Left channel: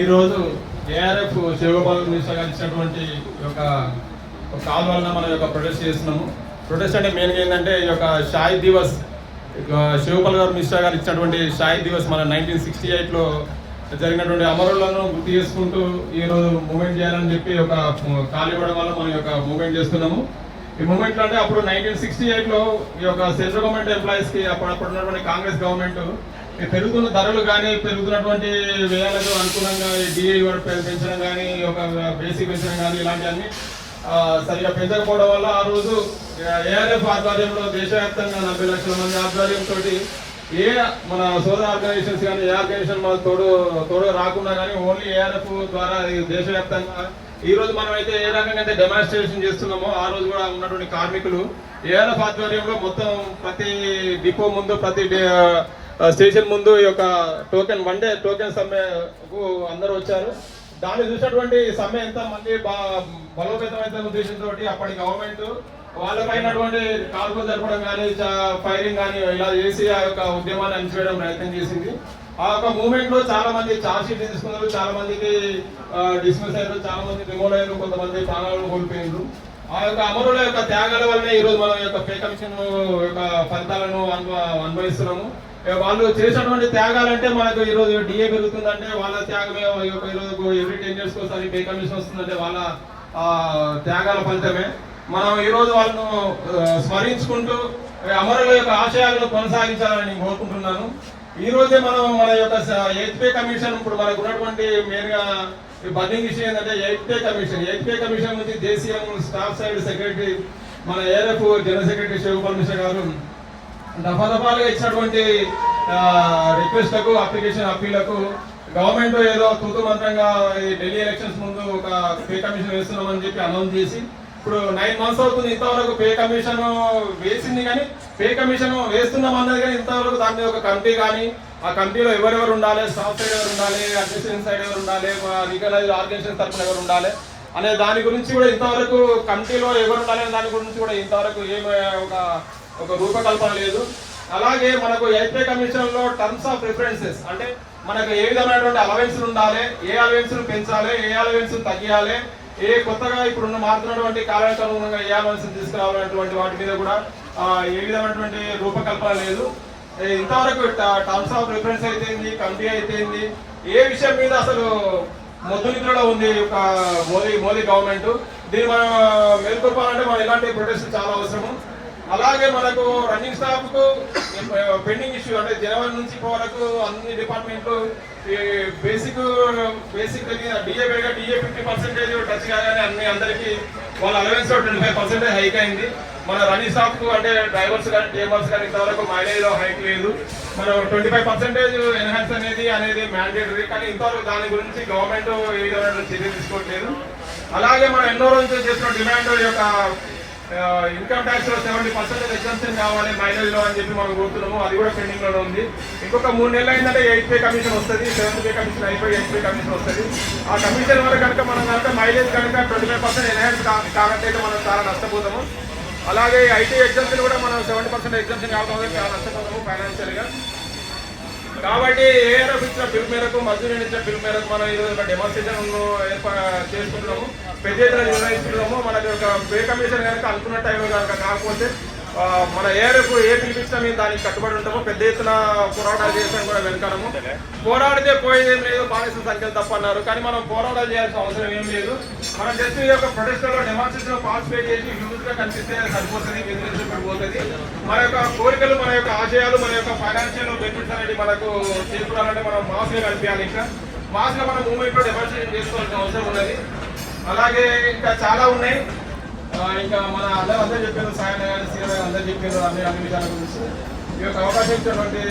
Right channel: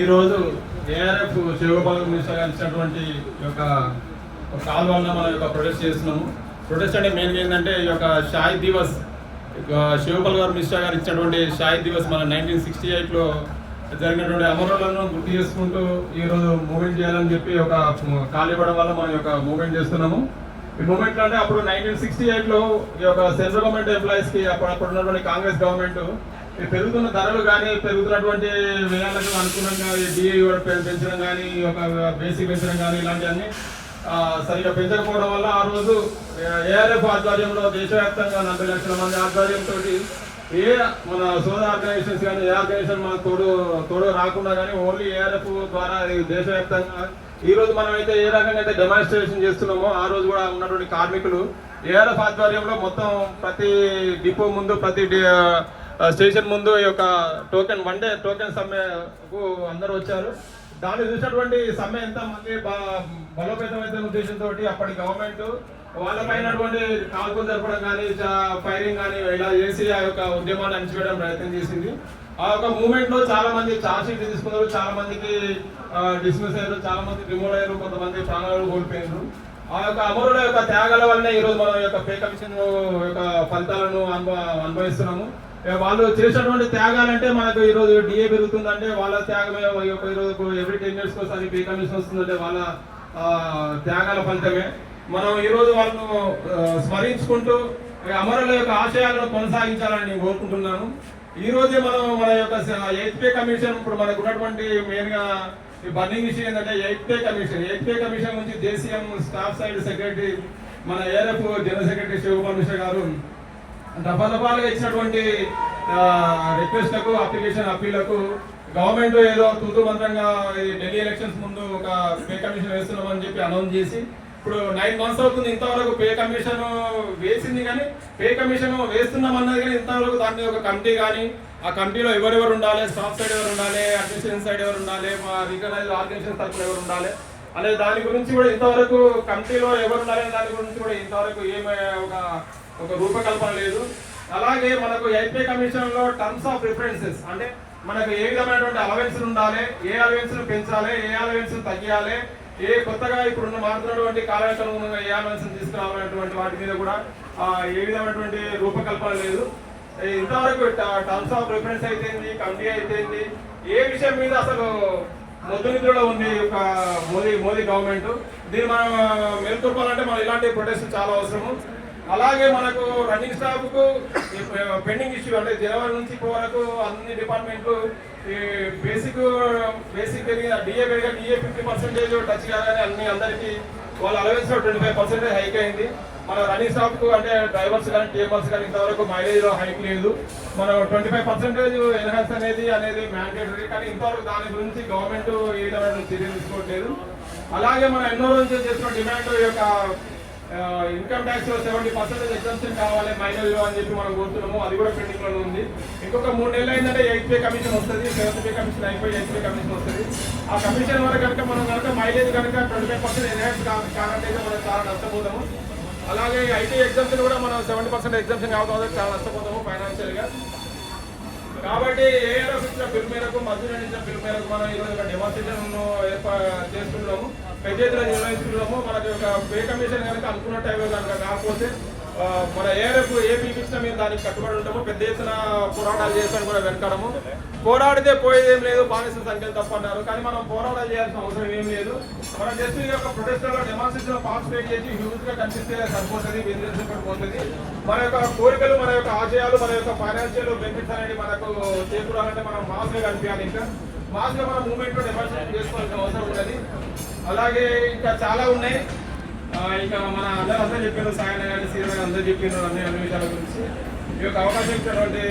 ఈరోజు ఏఆర్ఎఫ్ శివగోపాల్ మిశ్రా గారు ఇచ్చినటువంటి యొక్క కాల్ వల్ల మనం యొక్క ప్రొటెస్ట్ చేస్తున్నాము. ప్రొటెస్ట్ అంటే మెయిన్గా ఏంటంటే ఈ యొక్క షాహిద్ దివస్ శివగోపాల్ గారు మిశ్రా గారు ఇచ్చినటువంటి షాహిద్ దివస్ మన 1968లో జరిగినటువంటి అమరులను గుర్తు చేసుకుంటూ ఈరోజు మూవ్మెంట్ చేయాలని చెప్పి ఒక కాల్ ఇవ్వడం వల్ల మనం యొక్క మూవ్మెంట్ చేస్తున్నాము. ఈ మూవ్మెంట్ అంటే అప్పుడు 1968లో ఈ యొక్క సెంట్రల్ గవర్నమెంట్ ఎంప్లాయీస్కి అప్పుడున్నటువంటి కాంగ్రెస్ గవర్నమెంట్ పెరుగుతున్న ధరలు కానీ పెరుగుతున్నటువంటి వ్యయాలకు అనుకూలంగా డిఏ పెంచడం కానీ ఒక బేసిక్ పెంచడం కానీ ఇలాంటివన్నీ సరిగా పెంచకపోవడం వల్ల ఆ రోజు ఏఆర్ఎఫ్ ఆధ్వర్యంలో దేశవ్యాప్తంగా 40 లక్షల మంది ఆధ్వర్యంతో ఏ మన సోదర ఆర్గనైజేషన్స్ కానీ ఏ ఆర్గనైజేషన్ మనకు తోడు రాకుండా కానీ ఓన్లీ ఏఆర్ఎఫ్ ద్వారా దేశవ్యాప్తంగా ఈ రోజు మనం అయితే ఏ రకంగా అయితే డెమాన్స్ట్రేషన్ చేస్తున్నామో ఆ రోజు కూడా ఉన్నటువంటి కార్మికులు ఏఆర్ఎఫ్ ఆధ్వర్యంలో మొత్తం ప్రతి డిపో ముందు ప్రతి స్టేషన్ ముందు ఈ యొక్క వన్ డే టోకెన్ సమ్మెకు అందరూ వచ్చారు. దాన్ని చూసినటువంటి సమ్మె ఎంత మళ్ళీ బలోపేతమైన ఉద్దేశంతో అప్పటి గవర్నమెంట్ వాళ్ళపైనటువంటి కాల్పులు జరపడం కానీ ఫైరింగ్ కానీ ఇలా చేసి ఆ యొక్క ఉద్యమాన్ని అణిచివేయడం ప్రయత్నం చేసింది. ఆ యొక్క మూవ్మెంట్ లో చాలా మంది ఛార్జ్ షీట్ తీసుకున్నారు, చాలా మందికి డిస్మిస్ అయ్యారు, చాలా మంది రిమూవ్ అయ్యారు, కొంతమంది ప్రాణాలు కోల్పోయారు. ఆ యొక్క అమరుల యొక్క త్యాగాల వల్లనే ఈ రోజు మనం యొక్క పే కమిషన్ యొక్క ఫలితాలను అనుభవిస్తున్నాము. వాళ్ళు చేసినటువంటి త్యాగాలంటే మనకు ఈ రోజు డిఏ పెరుగుతుందంటే వాళ్ళ త్యాగమే. ఈ రోజు ఎవ్రీ 10 years ఒకసారి పే కమిషన్ వస్తుందంటే వాళ్ళ త్యాగాల ఫలితమే. మనం ఈ రోజు వాళ్ళను స్మరించుకుంటూ అమరుల యొక్క ఆశయాలను కొనసాగించాలని నేను కోరుకుంటున్నాను. ఈ రోజే మనం మన యొక్క 8th పే కమిషన్ ఇప్పుడు మనకు ఉన్నటువంటి మెయిన్ గా బర్నింగ్ ఇష్యూ ఏంటంటే 8th పే కమిషన్ నుంచి దేశీయం స్టాఫ్ సైడ్ సెక్రటరీ మన ARF general secretary Shivgopal Mishra గారు దఫాలుగా ఇచ్చినటువంటి రిక్వెస్ట్లకు అప్పీలకు గవర్నమెంట్ ఏదో తూతు మంత్రంగా ఢిల్లీ ఎలక్షన్స్ ముందు ఒక పే కమిషన్ వేస్తున్నామని చెప్పి అనౌన్స్ చేసి ఇప్పుడు 9 months అవుతుంది. ఇంతవరకు పే కమిషన్ వేసింది కానీ పే కమిషన్ వేస్తున్నాం అన్నది కానీ ఇంతవరకు దాని ఒక కమిటీ కానీ ఆ కమిటీలో ఎవరెవరు ఉండాలి, స్టాఫ్ సైడ్ ఎవరు ఉండాలి, అడ్మినిస్ట్రేషన్ సైడ్ ఎవరు ఉండాలి, మా రికగ్నైజ్డ్ ఆర్గనైజేషన్ తరఫున ఎవరు ఉండాలి అనే దాని గురించి కూడా ఇంతవరకు కమిటీలో ఎవరు ఉండాలి అనే దాని గురించి కూడా ఇంతవరకు ఏమి ఒక రూపకల్పన లేదు. అలాగే మనకు 8th పే కమిషన్ లో టర్మ్స్ ఆఫ్ రిఫరెన్సెస్ అంటే మనకు ఏ విధమైనటువంటి అలవెన్స్ ఉండాలి, ఏ అలవెన్స్ పెంచాలి, ఏ అలవెన్స్ తగ్గియాలి, ఏ కొత్తగా ఇప్పుడు మారుతున్నటువంటి కాలానికి అనుగుణంగా ఏ అలవెన్స్ తీసుకురావాలనేటువంటి వాటి మీద కూడా ఏ విధమైనటువంటి రూపకల్పన లేదు. ఇంతవరకు టర్మ్స్ ఆఫ్ రిఫరెన్స్ అయితే కమిటీ అయితే ఏ విషయం మీద అసలు మొద్దు నిద్రలో ఉంది ఒక మోదీ గవర్నమెంట్. దీన్ని మనం మేల్కొల్పాలంటే మనం ఇలాంటి ప్రొటెస్ట్ చాలా అవసరము. అలాగే మనకు రన్నింగ్ స్టాఫ్ కు పెండింగ్ ఇష్యూ అంటే జనవరి నుంచి ఇప్పటి వరకు అన్ని డిపార్ట్మెంట్లు బేసిక్ డిఏ 50% టచ్ కాగానే అందరికీ వాళ్ళ అలవెన్స్ 25% హైక్ అయింది. మన రన్నింగ్ స్టాఫ్ కు అంటే డ్రైవర్స్ కానీ టీమర్స్ కానీ ఇంతవరకు మైలేజ్ లో హైక్ లేదు. మనం 25% ఎన్హాన్స్ అనేది మ్యాండేటరీ, కానీ ఇంతవరకు దాని గురించి గవర్నమెంట్ ఏ విధమైన చర్యలు తీసుకోవట్లేదు. అలాగే మనం ఎన్నో రోజులు చేసిన డిమాండ్ యొక్క ఇన్కమ్ ట్యాక్స్ లో 70% ఎగ్జంప్షన్ కావాలి మైలేజ్ లో అని చెప్పి మనం కోరుతున్నాము. అది కూడా పెండింగ్ లోనే ఉంది. ఇంకొక 3 నెలలు అయిందంటే 8th పే కమిషన్ వస్తుంది, 7th పే కమిషన్ అయిపోయి 8th పే కమిషన్ వస్తుంది. ఆ కమిషన్ వరకు కనుక మనం మైలేజ్ కనుక 25% ఎన్హాన్స్ కానట్టయితే మనం చాలా నష్టపోతాము. అలాగే ఐటీ ఎగ్జామ్షన్ కూడా మనం 70% ఎగ్జామ్షన్ కావడం చాలా నష్టపోతాము ఫైనాన్షియల్ గా. కాబట్టి ఏఆర్ఎఫ్ ఇచ్చిన బిల్ మేరకు మధ్య ఇచ్చిన బిల్ మేరకు మనం ఈరోజు ఒక డెమాన్స్ట్రేషన్ చేసుకుంటున్నాము, పెద్ద ఎత్తున నిర్వహిస్తున్నాము. మనకి ఒక పే కమిషన్ కనుక అనుకున్న టైంలో కనుక కాకపోతే మన ఏఆర్ఎఫ్ ఏ పిలిపించినా మేము దానికి కట్టుబడి ఉంటాము. పెద్ద ఎత్తున పోరాటాలు చేస్తాను కూడా వెనకాలము. పోరాడితే పోయేదేం లేదు, బానిస సంఖ్యలు తప్పన్నారు. కానీ మనం పోరాటాలు చేయాల్సిన అవసరం ఏం లేదు. మనం జస్ట్ ఈ యొక్క ప్రొటెస్ట్ లో డెమాన్స్ట్రేషన్ పార్టిసిపేట్ చేసి యూత్ గా కనిపిస్తే సరిపోతుంది, వినిపించబడిపోతుంది. మన యొక్క కోరికలు, మన యొక్క ఆశయాలు, మన యొక్క ఫైనాన్షియల్ బెనిఫిట్స్ అనేది మనకు చేకూరాలంటే మనం మాస్ గా కనిపించాలి. ఇంకా మాస్ గా మన మూవ్మెంట్ లో డెమాన్స్ట్రేషన్ చేసుకోవాల్సిన అవసరం ఉన్నది. అలాగే ఇంకా చాలా ఉన్నాయి. ఇంకా మన అందరూ చెప్పారు, సాయన కానీ సీఎం అందరూ చెప్పారు అన్ని విషయాల గురించి. ఈ యొక్క అవకాశం ఇచ్చినటువంటి